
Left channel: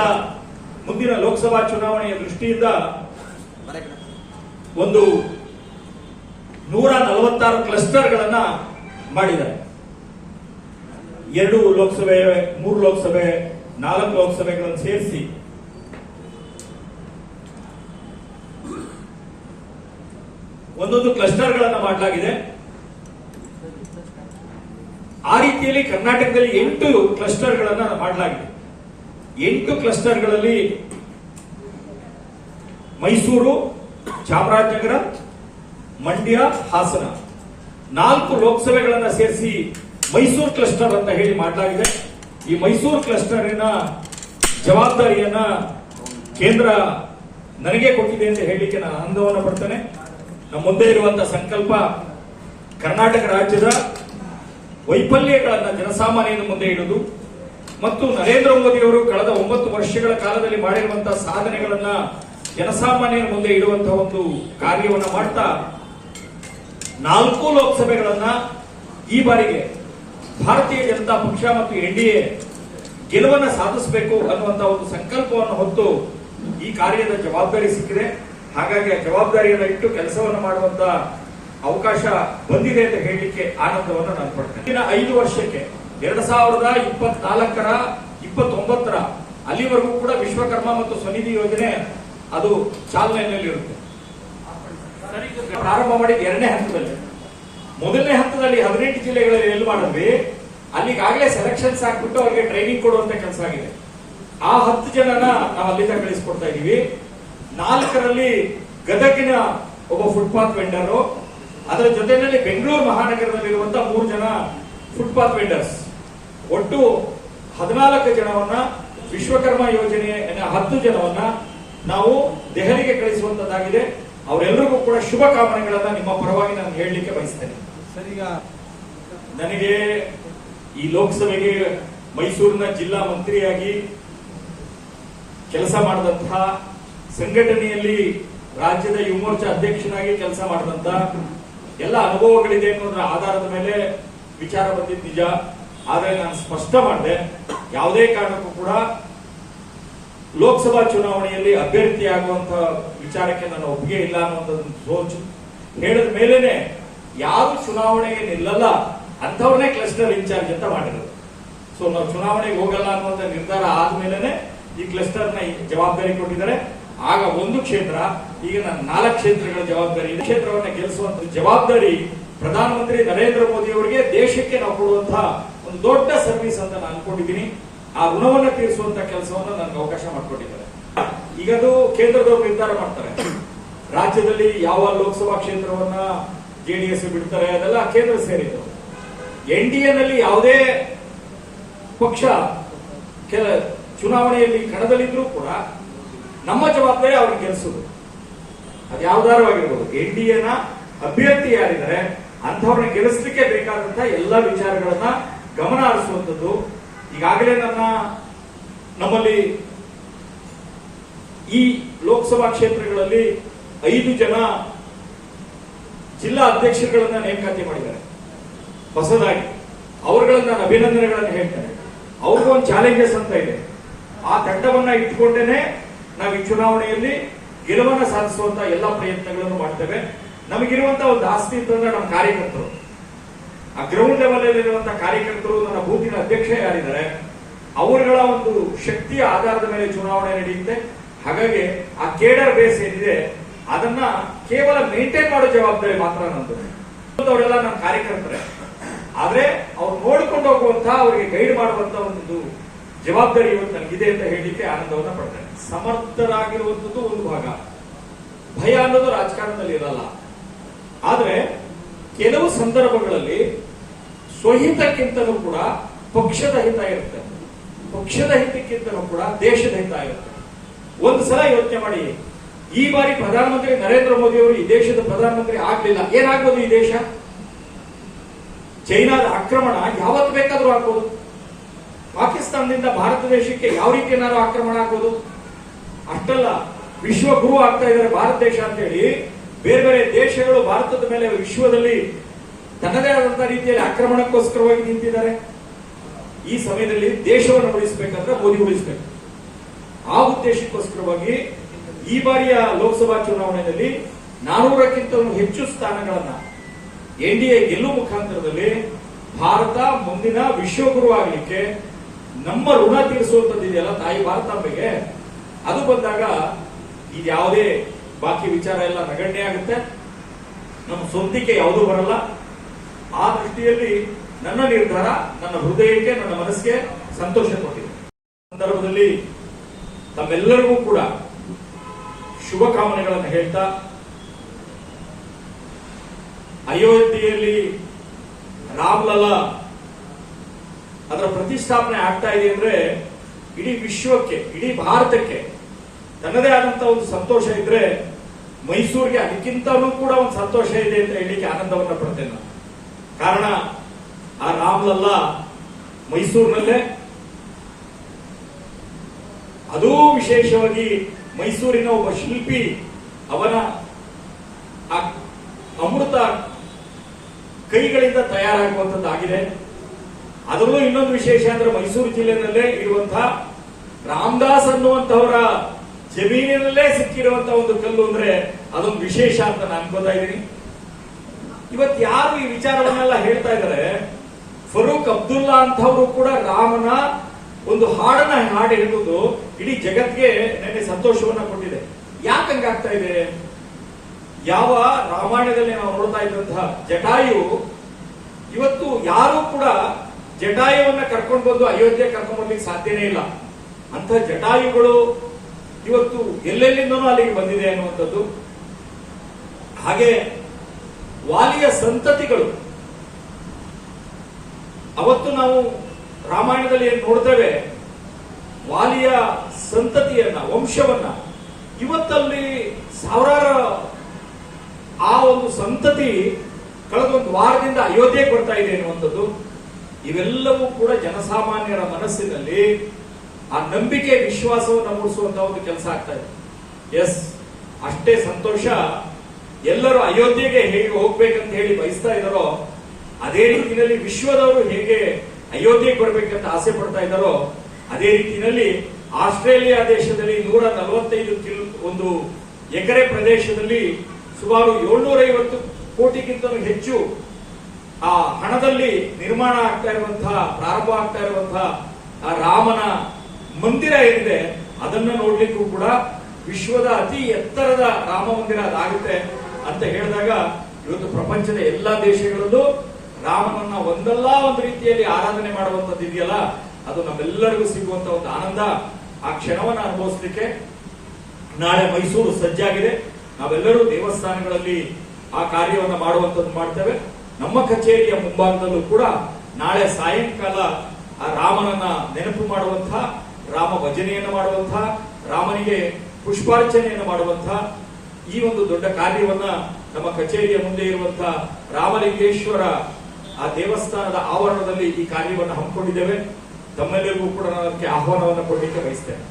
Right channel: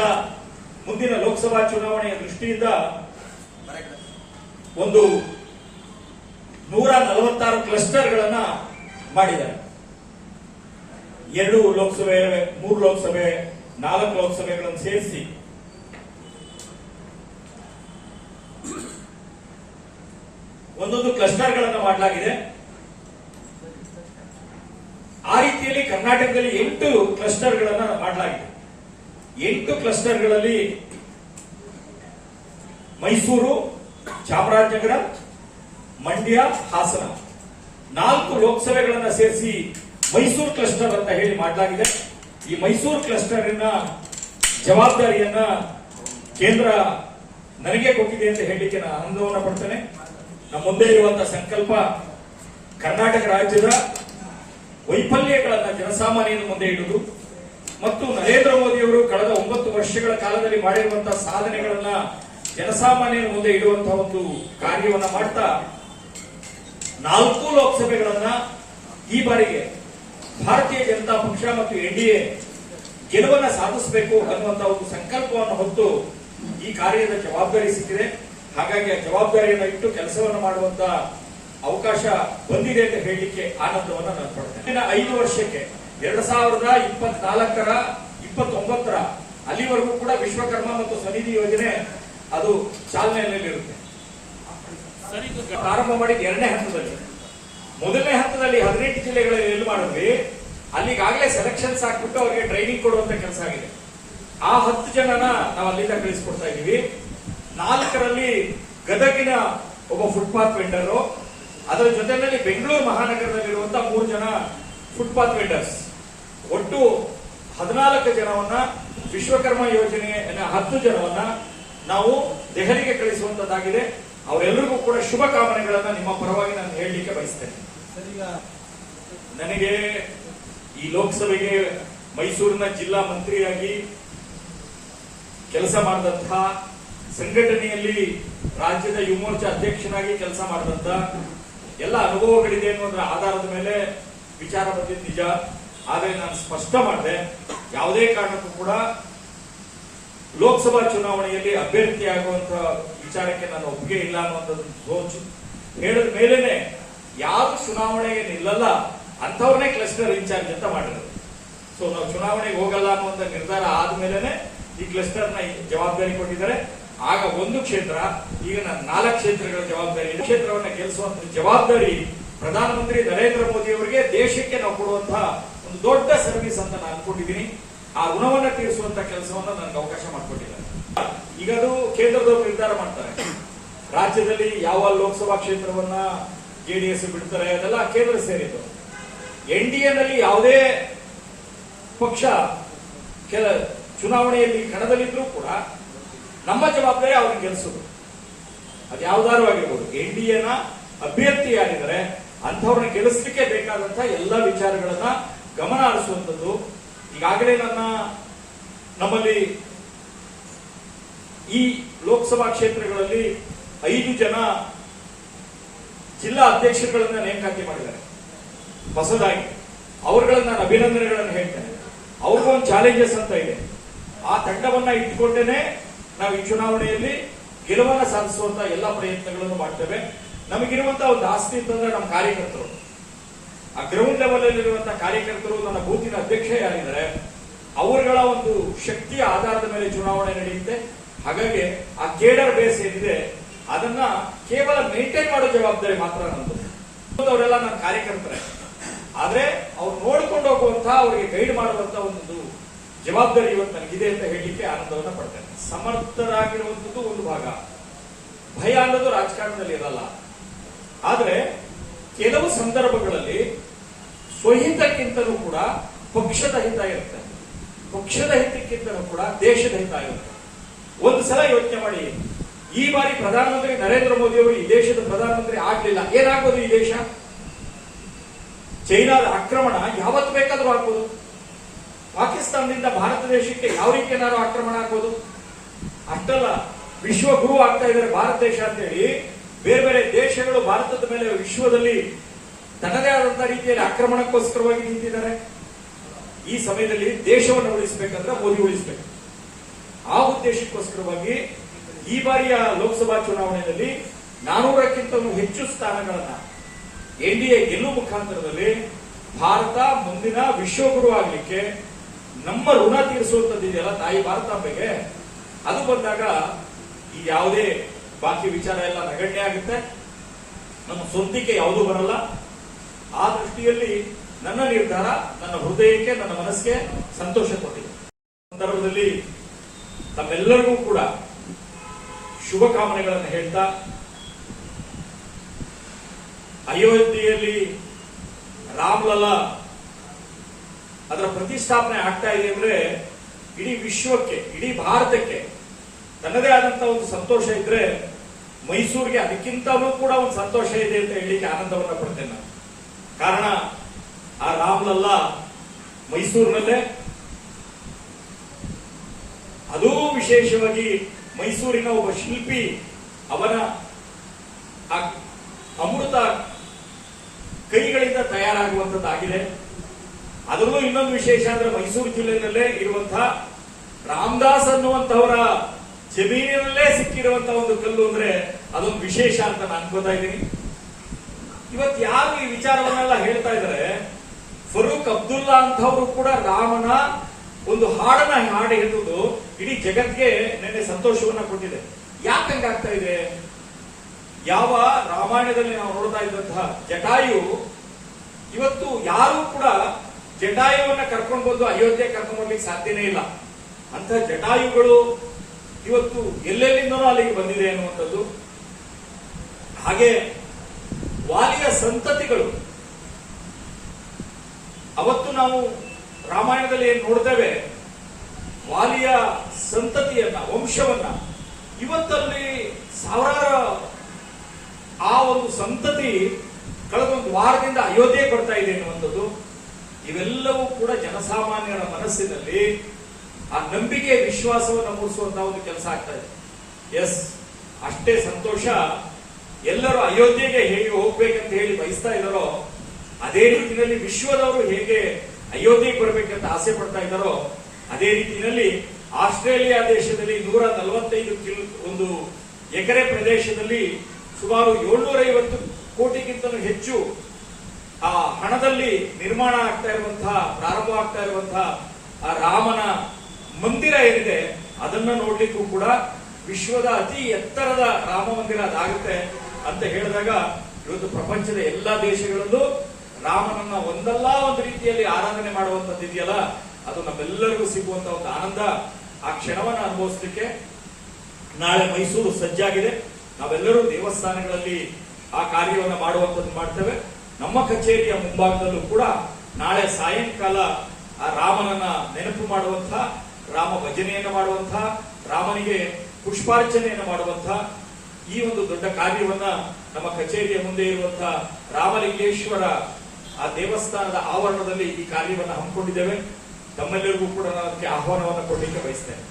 ಮುಂದಿನ ಲೋಕಸಭಾ ಚುನಾವಣೆಯ ದೃಷ್ಟಿಯಿಂದ ಒಂದು ನೂರ ನಲವತ್ತಾರು ಕ್ಲಸ್ಟರ್ಗಳನ್ನ ಮಾಡಿದ್ದಾರೆ. ಎರಡು ಲೋಕಸಭೆ, ಮೂರು ಲೋಕಸಭೆ, ನಾಲ್ಕು ಲೋಕಸಭೆಗಳನ್ನು ಸೇರಿಸಿ ಒಂದೊಂದು ಕ್ಲಸ್ಟರ್ಗಳನ್ನು ಮಾಡಲಾಗಿದೆ. ಆ ರೀತಿಯಲ್ಲಿ ಕರ್ನಾಟಕದಲ್ಲಿ ಎಂಟು ಕ್ಲಸ್ಟರ್ಗಳನ್ನ ಮಾಡಲಾಗಿದೆ. ಎಂಟು ಕ್ಲಸ್ಟರ್ಗಳಲ್ಲಿ ಮೈಸೂರು, ಚಾಮರಾಜನಗರ, ಮಂಡ್ಯ, ಹಾಸನ. ನಾಲ್ಕು ಲೋಕಸಭೆಗಳನ್ನ ಸೇರಿಸಿ ಮೈಸೂರು ಕ್ಲಸ್ಟರ್ ಅಂತ ಹೇಳಿ ಮಾಡಲಾಗಿದೆ. ಈ ಮೈಸೂರು ಕ್ಲಸ್ಟರಿನ ಜವಾಬ್ದಾರಿಯನ್ನ ಕೇಂದ್ರ ನನಗೆ ಕೊಟ್ಟಿದೆ ಅಂತ ಹೇಳಲಿಕ್ಕೆ ನಾನು ಆನಂದವನ್ನು ಪಡ್ತೇನೆ. ನಮ್ಮ ಮುಂದೆ ಇರುವಂತಹ ಸಂಕಲ್ಪ ಕರ್ನಾಟಕ ರಾಜ್ಯದ ವೈಫಲ್ಯಗಳನ್ನು ಜನಸಾಮಾನ್ಯರ ಮುಂದೆ ಇಡುವುದು ಮತ್ತು ನರೇಂದ್ರ ಮೋದಿಯವರು ಕಳೆದ ಒಂಬತ್ತು ವರ್ಷಗಳ ಕಾಲದಲ್ಲಿ ಮಾಡಿರುವಂತಹ ಸಾಧನೆಗಳನ್ನ ಜನಸಾಮಾನ್ಯರ ಮುಂದೆ ಇಡುವಂತಹ ಒಂದು ಕಾರ್ಯವನ್ನು ಮಾಡ್ತಾ, ನಾಲ್ಕು ಲೋಕಸಭೆಗಳನ್ನ ಈ ಬಾರಿಗೆ ಭಾರತೀಯ ಜನತಾ ಪಕ್ಷ ಮತ್ತು ಎನ್ಡಿಎ ಗೆಲುವನ್ನು ಸಾಧಿಸಬೇಕು ಅನ್ನುವಂತಹ ಒಂದು ಸಂಕಲ್ಪವನ್ನು ಹೊತ್ತು ಈ ಕಾರ್ಯದ ಜವಾಬ್ದಾರಿ ಸಿಕ್ಕಿದೆ. ಹಾಗಾಗಿ ಆ ಜವಾಬ್ದಾರಿಯನ್ನು ಇಟ್ಟು ಕೆಲಸವನ್ನು ಮಾಡುವಂತ ಅವಕಾಶ ಬಂದಿದೆ ಅಂತ ಹೇಳಲಿಕ್ಕೆ ಆನಂದವನ್ನು ನಾನು ಪಡ್ತೇನೆ. ಇನ್ನು ಐದು ವರ್ಷಕ್ಕೆ, ಎರಡ್ ಸಾವಿರದ ಇಪ್ಪತ್ನಾಲ್ಕರ, ಇಪ್ಪತ್ತೊಂಬತ್ತರ, ಅಲ್ಲಿವರೆಗೂ ಕೂಡ ವಿಶ್ವಕರ್ಮ ಮತ್ತು ಸ್ವನಿಧಿ ಯೋಜನೆ ಅದು ಚಾಲನೆಯಲ್ಲಿರುತ್ತೆ. ಪ್ರಾರಂಭ ಮಾಡಿದ ಎರಡನೇ ಹಂತದಲ್ಲಿ. ಮೊದಲನೇ ಹಂತದಲ್ಲಿ ಹದಿನೆಂಟು ಜಿಲ್ಲೆಗಳಲ್ಲಿ ಎಲ್ಲಿ ಮಾಡಿದ್ವಿ? ಅಲ್ಲಿಗಾಗಲೇ ಸೆಲೆಕ್ಷನ್ಸ್ ಹಾಕ್ಬಿಟ್ಟು ಅವರಿಗೆ ಟ್ರೈನಿಂಗ್ ಕೊಡುವಂತ ಕೆಲಸ ಆಗಿದೆ. ಆ ಹತ್ತು ಜನನ ನಾವು ಅಲ್ಲಿಂದ ಕಳಿಸ್ಕೊಡ್ತಾ ಇದೀವಿ. ನಾಲ್ಕರಲ್ಲಿ ಗದಗಿನ ಒಬ್ಬ ಫುಟ್ಪಾತ್ ವೆಂಡರ್ ಅದರ ಜೊತೆಯಲ್ಲಿ ಬೆಂಗಳೂರು ಮಹಾನಗರದಲ್ಲಿರುವಂತಹ ಮೂರು ಜನ ಫುಟ್ಪಾತ್ ವೆಂಡರ್ಸ್ ಒಟ್ಟು ಹದಿನಾಲ್ಕು ಜನವನ್ನ ವಿಶ್ವಕರ್ಮ ಯೋಜನೆಯನ್ನ ಹತ್ತು ಜನವನ್ನ ನಾವು ದೆಹಲಿಗೆ ಕಳಿಸುವಂತದ್ದಾಗಿದೆ. ಅವರೆಲ್ಲರಿಗೂ ಕೂಡ ಶುಭ ಕಾಮನೆಗಳನ್ನ ನಿಮ್ಮ ಪರವಾಗಿ ನಾನು ಹೇಳಲಿಕ್ಕೆ ಬಯಸ್ತೇನೆ. ನನಗೆ ಈ ಲೋಕಸಭೆಗೆ ಮೈಸೂರಿನ ಜಿಲ್ಲಾ ಮಂತ್ರಿಯಾಗಿ ಕೆಲಸ ಮಾಡಿದಂತಹ ಸಂಘಟನೆಯಲ್ಲಿ ರಾಜ್ಯದ ಯುವ ಮೋರ್ಚಾ ಅಧ್ಯಕ್ಷನಾಗಿ ಕೆಲಸ ಮಾಡಿದಂತ ಎಲ್ಲ ಅನುಭವಗಳಿದೆ ಅನ್ನೋದ್ರ ಆಧಾರದ ಮೇಲೆ ವಿಚಾರ ಬಂದಿದ್ದು ನಿಜ. ಆದರೆ ನಾನು ಸ್ಪಷ್ಟ ಮಾಡಿದೆ, ಯಾವುದೇ ಕಾರಣಕ್ಕೂ ಕೂಡ ಲೋಕಸಭಾ ಚುನಾವಣೆಯಲ್ಲಿ ಅಭ್ಯರ್ಥಿ ಆಗುವಂತ ವಿಚಾರಕ್ಕೆ ನಾನು ಒಪ್ಪಿಗೆ ಇಲ್ಲ ಅನ್ನುವಂಥದ್ದು ಸೋಚು. ಹೇಳಿದ ಮೇಲೇನೆ ಯಾರು ಚುನಾವಣೆಗೆ ನಿಲ್ಲಲ್ಲ, ಅಂಥವ್ರನ್ನೇ ಕ್ಲಸ್ಟರ್ ಇನ್ಚಾರ್ಜ್ ಅಂತ ಮಾಡಿದ್ರು. ಸೊ ನಾವು ಚುನಾವಣೆಗೆ ಹೋಗಲ್ಲ ಅನ್ನುವಂಥ ನಿರ್ಧಾರ ಆದ್ಮೇಲೆ ಈ ಕ್ಲಸ್ಟರ್ನ ಜವಾಬ್ದಾರಿ ಕೊಟ್ಟಿದ್ದಾರೆ. ಆಗ ಒಂದು ಕ್ಷೇತ್ರ ಈಗ ನಾನು ನಾಲ್ಕು ಕ್ಷೇತ್ರಗಳ ಜವಾಬ್ದಾರಿ ಇದೆ. ಕ್ಷೇತ್ರವನ್ನ ಗೆಲ್ಲಿಸುವಂತ ಜವಾಬ್ದಾರಿ ಪ್ರಧಾನಮಂತ್ರಿ ನರೇಂದ್ರ ಮೋದಿ ಅವರಿಗೆ ದೇಶಕ್ಕೆ ನಾವು ಕೊಡುವಂತಹ ಒಂದು ದೊಡ್ಡ ಸರ್ವಿಸ್ ಅಂತ ನಾನು ಅನ್ಕೊಂಡಿದ್ದೀನಿ. ಆ ಋಣವನ್ನ ತೀರಿಸುವಂತ ಕೆಲಸವನ್ನು ನನಗೆ ಅವಕಾಶ ಮಾಡಿಕೊಟ್ಟಿದ್ದಾರೆ. ಈಗ ಅದು ಕೇಂದ್ರದವರು ನಿರ್ಧಾರ ಮಾಡ್ತಾರೆ. ರಾಜ್ಯದಲ್ಲಿ ಯಾವ ಲೋಕಸಭಾ ಕ್ಷೇತ್ರವನ್ನ ಜೆಡಿಎಸ್ ಬಿಡ್ತಾರೆ ಅದೆಲ್ಲ ಕೇಂದ್ರ ಸೇರಿದ್ದು. ಎನ್ ಡಿ ಎನಲ್ಲಿ ಯಾವುದೇ ಪಕ್ಷ ಕೆಲ ಚುನಾವಣೆಯಲ್ಲಿ ಕಣದಲ್ಲಿದ್ರೂ ಕೂಡ ನಮ್ಮ ಜವಾಬ್ದಾರಿ ಅವ್ರಿಗೆ ಗೆಲ್ಲಿಸೋದು ಅದು ಯಾವ್ದಾರು ಆಗಿರ್ಬೋದು. ಎನ್ ಡಿ ಎನ ಅಭ್ಯರ್ಥಿ ಯಾರಿದ್ದಾರೆ ಅಂಥವ್ರನ್ನ ಗೆಲ್ಲಿಸಲಿಕ್ಕೆ ಬೇಕಾದಂತಹ ಎಲ್ಲ ವಿಚಾರಗಳನ್ನ ಗಮನ ಹರಿಸುವಂಥದ್ದು. ಈಗಾಗಲೇ ನನ್ನ, ನಮ್ಮಲ್ಲಿ ಈ ಲೋಕಸಭಾ ಕ್ಷೇತ್ರಗಳಲ್ಲಿ ಐದು ಜನ ಜಿಲ್ಲಾ ಅಧ್ಯಕ್ಷರುಗಳನ್ನ ನೇಮಕಾತಿ ಮಾಡಿದ್ದಾರೆ. ಹೊಸದಾಗಿ. ಅವರುಗಳನ್ನ ನಾನು ಅಭಿನಂದನೆಗಳನ್ನು ಹೇಳ್ತೇನೆ. ಅವ್ರಿಗೂ ಒಂದು ಚಾಲೆಂಜಸ್ ಅಂತ ಇದೆ. ಆ ತಂಡವನ್ನ ಇಟ್ಕೊಂಡೇನೆ ನಾವು ಈ ಚುನಾವಣೆಯಲ್ಲಿ ಗೆಲುವನ್ನ ಸಾಧಿಸುವಂತ ಎಲ್ಲ ಪ್ರಯತ್ನಗಳನ್ನು ಮಾಡ್ತೇವೆ. ನಮಗಿರುವಂತಹ ಒಂದು ಆಸ್ತಿ ಅಂತಂದ್ರೆ ನಮ್ಮ ಕಾರ್ಯಕರ್ತರು. ಆ ಗ್ರೌಂಡ್ ಲೆವೆಲ್ ಇರುವಂತಹ ಕಾರ್ಯಕರ್ತರು ನನ್ನ ಬೂತಿನ ಅಧ್ಯಕ್ಷ ಯಾರಿದ್ದಾರೆ, ಅವರುಗಳ ಒಂದು ಶಕ್ತಿಯ ಆಧಾರದ ಮೇಲೆ ಚುನಾವಣೆ ನಡೆಯುತ್ತೆ. ಹಾಗಾಗಿ ಆ ಕೇಡರ್ ಬೇಸ್ ಏನಿದೆ, ಅದನ್ನ ಕೇವಲ ಮೇಂಟೈನ್ ಮಾಡೋ ಜವಾಬ್ದಾರಿ ಮಾತ್ರ ನಂದು ಅವರೆಲ್ಲ ನಮ್ಮ ಕಾರ್ಯಕರ್ತರೇ. ಆದ್ರೆ ಅವ್ರು ನೋಡಿಕೊಂಡು ಹೋಗುವಂತ ಅವರಿಗೆ ಗೈಡ್ ಮಾಡುವಂತ ಒಂದು ಜವಾಬ್ದಾರಿ ಇವತ್ತು ನನಗಿದೆ ಅಂತ ಹೇಳಲಿಕ್ಕೆ ಆನಂದವನ್ನ ಪಡ್ತೇನೆ. ಸಮರ್ಥರಾಗಿರುವಂಥದ್ದು ಒಂದು ಭಾಗ. ಭಯ ಅನ್ನೋದು ರಾಜಕಾರಣದಲ್ಲಿ ಇರಲ್ಲ. ಆದ್ರೆ ಕೆಲವು ಸಂದರ್ಭಗಳಲ್ಲಿ ಸ್ವಹಿತಕ್ಕಿಂತಲೂ ಕೂಡ ಪಕ್ಷದ ಹಿತ ಇರುತ್ತೆ. ಪಕ್ಷದ ಹಿತಕ್ಕಿಂತಲೂ ಕೂಡ ದೇಶದ ಹಿತ ಇರುತ್ತೆ. ಒಂದು ಸಲ ಯೋಚನೆ ಮಾಡಿ, ಈ ಬಾರಿ ಪ್ರಧಾನಮಂತ್ರಿ ನರೇಂದ್ರ ಮೋದಿ ಅವರು ಈ ದೇಶದ ಪ್ರಧಾನಮಂತ್ರಿ ಆಗ್ಲಿಲ್ಲ. ಏನಾಗ್ಬೋದು ಈ ದೇಶ? ಚೈನಾದ ಆಕ್ರಮಣ ಯಾವತ್ತು ಬೇಕಾದ್ರೂ ಆಗ್ಬೋದು. ಪಾಕಿಸ್ತಾನದಿಂದ ಭಾರತ ದೇಶಕ್ಕೆ ಯಾವ ರೀತಿ ಏನಾದ್ರು ಆಕ್ರಮಣ ಆಗ್ಬೋದು? ಅಷ್ಟಲ್ಲ, ವಿಶ್ವ ಗುರು ಆಗ್ತಾ ಇದ್ದಾರೆ ಭಾರತ ದೇಶ ಅಂತ ಹೇಳಿ ಬೇರೆ ಬೇರೆ ದೇಶಗಳು ಭಾರತದ ಮೇಲೆ ವಿಶ್ವದಲ್ಲಿ ತನ್ನದೇ ಆದಂತಹ ರೀತಿಯಲ್ಲಿ ಆಕ್ರಮಣಕ್ಕೋಸ್ಕರವಾಗಿ ನಿಂತಿದ್ದಾರೆ. ಈ ಸಮಯದಲ್ಲಿ ದೇಶವನ್ನು ಉಳಿಸಬೇಕಂದ್ರೆ ಮೋದಿ ಉಳಿಸಬೇಕು. ಆ ಉದ್ದೇಶಕ್ಕೋಸ್ಕರವಾಗಿ ಈ ಬಾರಿಯ ಲೋಕಸಭಾ ಚುನಾವಣೆಯಲ್ಲಿ ನಾನೂರಕ್ಕಿಂತ ಹೆಚ್ಚು ಸ್ಥಾನಗಳನ್ನ ಎನ್ಡಿಎ ಗೆಲ್ಲುವ ಮುಖಾಂತರದಲ್ಲಿ ಭಾರತ ಮುಂದಿನ ವಿಶ್ವಗುರು ಆಗಲಿಕ್ಕೆ ನಮ್ಮ ಋಣ ತೀರಿಸುವಂತದ್ದು ಇದೆಯಲ್ಲ ತಾಯಿ ಭಾರತಾಂಬೆಗೆ ಅದು ಬಂದಾಗ ಈ ಯಾವುದೇ ಬಾಕಿ ವಿಚಾರ ಎಲ್ಲ ನಗಣ್ಯ ಆಗುತ್ತೆ. ನಮ್ಮ ಸ್ವಂತಿಕೆ ಯಾವುದೂ ಬರಲ್ಲ. ಆ ದೃಷ್ಟಿಯಲ್ಲಿ ನನ್ನ ನಿರ್ಧಾರ, ನನ್ನ ಹೃದಯಕ್ಕೆ, ನನ್ನ ಮನಸ್ಸಿಗೆ ಸಂತೋಷ ಕೊಟ್ಟಿದೆ. ಸಂದರ್ಭದಲ್ಲಿ ತಮ್ಮೆಲ್ಲರಿಗೂ ಕೂಡ ಶುಭಕಾಮನೆಗಳನ್ನು ಹೇಳ್ತಾ, ಅಯೋಧ್ಯೆಯಲ್ಲಿ ರಾಮ್ಲಲಾ ಅದರ ಪ್ರತಿಷ್ಠಾಪನೆ ಆಗ್ತಾ ಇದೆ ಅಂದ್ರೆ ಇಡೀ ವಿಶ್ವಕ್ಕೆ, ಇಡೀ ಭಾರತಕ್ಕೆ ತನ್ನದೇ ಆದಂತಹ ಒಂದು ಸಂತೋಷ ಇದ್ರೆ ಮೈಸೂರಿಗೆ ಅದಕ್ಕಿಂತಲೂ ಕೂಡ ಒಂದು ಸಂತೋಷ ಇದೆ ಅಂತ ಹೇಳಿಕ್ಕೆ ಆನಂದವನ್ನ ಪಡ್ತೇನೆ ನಾನು. ಕಾರಣ, ಆ ರಾಮ್ಲಲ್ಲಾ ಮೈಸೂರಿನಲ್ಲೇ ಅದೂ ವಿಶೇಷವಾಗಿ ಮೈಸೂರಿನ ಒಬ್ಬ ಶಿಲ್ಪಿ ಅವನ ಅಮೃತ ಕೈಗಳಿಂದ ತಯಾರಾಗುವಂತದ್ದಾಗಿದೆ ಅದರಲ್ಲೂ ಇನ್ನೊಂದು ವಿಶೇಷ ಅಂದ್ರೆ ಮೈಸೂರು ಜಿಲ್ಲೆಯಲ್ಲೇ ಇರುವಂತಹ ರಾಮದಾಸ್ ಅನ್ನುವಂತವರ ಜಮೀನಿನಲ್ಲೇ ಸಿಕ್ಕಿರುವಂತಹ ಒಂದು ಕಲ್ಲು ಅಂದ್ರೆ ಅದೊಂದು ವಿಶೇಷ ಅಂತ ನಾನು ಅನ್ಕೋತಾ ಇದ್ದೀನಿ. ಇವತ್ತು ಯಾರು ಈ ವಿಚಾರವನ್ನೆಲ್ಲ ಹೇಳ್ತಾ ಇದ್ದಾರೆ, ಫರೂಕ್ ಅಬ್ದುಲ್ಲಾ ಅಂತವರು ಕೂಡ ರಾಮನ ಒಂದು ಹಾಡನ್ನ ಹಾಡಿ ಹಿಡಿದು ಇಡೀ ಜಗತ್ಗೆ ನಿನ್ನೆ ಸಂತೋಷವನ್ನ ಕೊಟ್ಟಿದೆ. ಯಾಕೆ ಹಂಗಾಗ್ತಾ ಇದೆ? ಯಾವ ರಾಮಾಯಣದಲ್ಲಿ ನಾವು ನೋಡ್ತಾ ಇದ್ದಂತಹ ಜಟಾಯು ಇವತ್ತು ಯಾರು ಕೂಡ ಜಟಾಯುವನ್ನ ಕರ್ಕೊಂಡು ಬಂದು ಅಯೋಧ್ಯೆ ಕರ್ಕೊಂಡು ಬರ್ಲಿಕ್ಕೆ ಸಾಧ್ಯನೇ ಇಲ್ಲ. ಅಂತ ಜಟಾಯುಗಳು ಇವತ್ತು ಎಲ್ಲೆಲ್ಲಿಂದನೂ ಅಲ್ಲಿಗೆ ಬಂದಿದೆ ಅನ್ನುವಂಥದ್ದು. ಹಾಗೆ ವಾಲಿಯ ಸಂತತಿಗಳು. ಅವತ್ತು ನಾವು ರಾಮಾಯಣದಲ್ಲಿ ಏನು ನೋಡ್ತೇವೆ? ವಾಲಿಯ ಸಂತತಿಯನ್ನ, ವಂಶವನ್ನ. ಇವತ್ತಲ್ಲಿ ಸಾವಿರಾರು ಆ ಒಂದು ಸಂತತಿ ಕಳೆದೊಂದು ವಾರದಿಂದ ಅಯೋಧ್ಯೆ ಕೊಡ್ತಾ ಇದೆ ಅನ್ನುವಂಥದ್ದು. ಇವೆಲ್ಲವೂ ಕೂಡ ಜನಸಾಮಾನ್ಯರ ಮನಸ್ಸಿನಲ್ಲಿ ಆ ನಂಬಿಕೆ ವಿಶ್ವಾಸವನ್ನು ಮೂಡಿಸುವಂತಹ ಒಂದು ಕೆಲಸ ಆಗ್ತಾ ಇದೆ. ಎಸ್ ಅಷ್ಟೇ ಸಂತೋಷ. ಎಲ್ಲರೂ ಅಯೋಧ್ಯೆಗೆ ಹೇಗೆ ಹೋಗ್ಬೇಕಂತ ಹೇಳಿ ಬಯಸ್ತಾ ಇದ್ದಾರೋ, ಅದೇ ರೀತಿಯಲ್ಲಿ ವಿಶ್ವದವರು ಹೇಗೆ ಅಯೋಧ್ಯೆಗೆ ಬರ್ಬೇಕಂತ ಆಸೆ ಪಡ್ತಾ ಇದ್ದಾರೋ, ಅದೇ ರೀತಿಯಲ್ಲಿ ಆಸ್ಟ್ರೇಲಿಯಾ ದೇಶದಲ್ಲಿ ನೂರ ನಲವತ್ತೈದು ಕಿಲೋ ಒಂದು ಎಕರೆ ಪ್ರದೇಶದಲ್ಲಿ ಸುಮಾರು ಏಳ್ನೂರೈವತ್ತು ಕೋಟಿಗಿಂತಲೂ ಹೆಚ್ಚು ಆ ಹಣದಲ್ಲಿ ನಿರ್ಮಾಣ ಆಗ್ತಾ ಇರುವಂತಹ, ಪ್ರಾರಂಭ ಆಗ್ತಾ ಇರುವಂತಹ ಆ ರಾಮನ ಮಂದಿರ ಏನಿದೆ, ಅದನ್ನ ನೋಡ್ಲಿಕ್ಕೂ ಕೂಡ ವಿಶ್ವದ ಅತಿ ಎತ್ತರದ ರಾಮ ಮಂದಿರ ಅದಾಗುತ್ತೆ ಅಂತ ಹೇಳಿದಾಗ ಇವತ್ತು ಪ್ರಪಂಚದ ಎಲ್ಲಾ ದೇಶಗಳಲ್ಲೂ ರಾಮನನ್ನ ಒಂದಲ್ಲ ಒಂದು ರೀತಿಯಲ್ಲಿ ಆರಾಧನೆ ಮಾಡುವಂತದ್ದು ಇದೆಯಲ್ಲ, ಅದು ನಮ್ಮೆಲ್ಲರಿಗೂ ಸಿಗುವಂತ ಒಂದು ಆನಂದ. ಆ ಕ್ಷಣವನ್ನ ಅನುಭವಿಸ್ಲಿಕ್ಕೆ ನಾಳೆ ಮೈಸೂರು ಸಜ್ಜಾಗಿದೆ. ನಾವೆಲ್ಲರೂ ದೇವಸ್ಥಾನಗಳಲ್ಲಿ ಆ ಕಾರ್ಯವನ್ನು ಮಾಡುವಂತದ್ದು ಮಾಡ್ತೇವೆ. ನಮ್ಮ ಕಚೇರಿಯ ಮುಂಭಾಗದಲ್ಲೂ ಕೂಡ ನಾಳೆ ಸಾಯಂಕಾಲ ಆ ರಾಮನನ್ನ ನೆನಪು ಮಾಡುವಂತಹ ರಾಮ ಭಜನೆಯನ್ನು ಮಾಡುವಂತಹ ರಾಮನಿಗೆ ಪುಷ್ಪಾರ್ಚನೆಯನ್ನು ಮಾಡುವಂತಹ ಈ ಒಂದು ದೊಡ್ಡ ಕಾರ್ಯವನ್ನ ನಮ್ಮ ಕಚೇರಿಯ ಮುಂದೆ ಇರುವಂತಹ ರಾಮಲಿಂಗೇಶ್ವರ ಆ ದೇವಸ್ಥಾನದ ಆವರಣದಲ್ಲಿ ಈ ಕಾರ್ಯವನ್ನು ಹಮ್ಮಿಕೊಂಡಿದ್ದೇವೆ. ತಮ್ಮೆಲ್ಲರಿಗೂ ಕೂಡ ನಾನು ಅದಕ್ಕೆ ಆಹ್ವಾನವನ್ನು ಕೊಡಲಿಕ್ಕೆ ಬಯಸ್ತೇನೆ.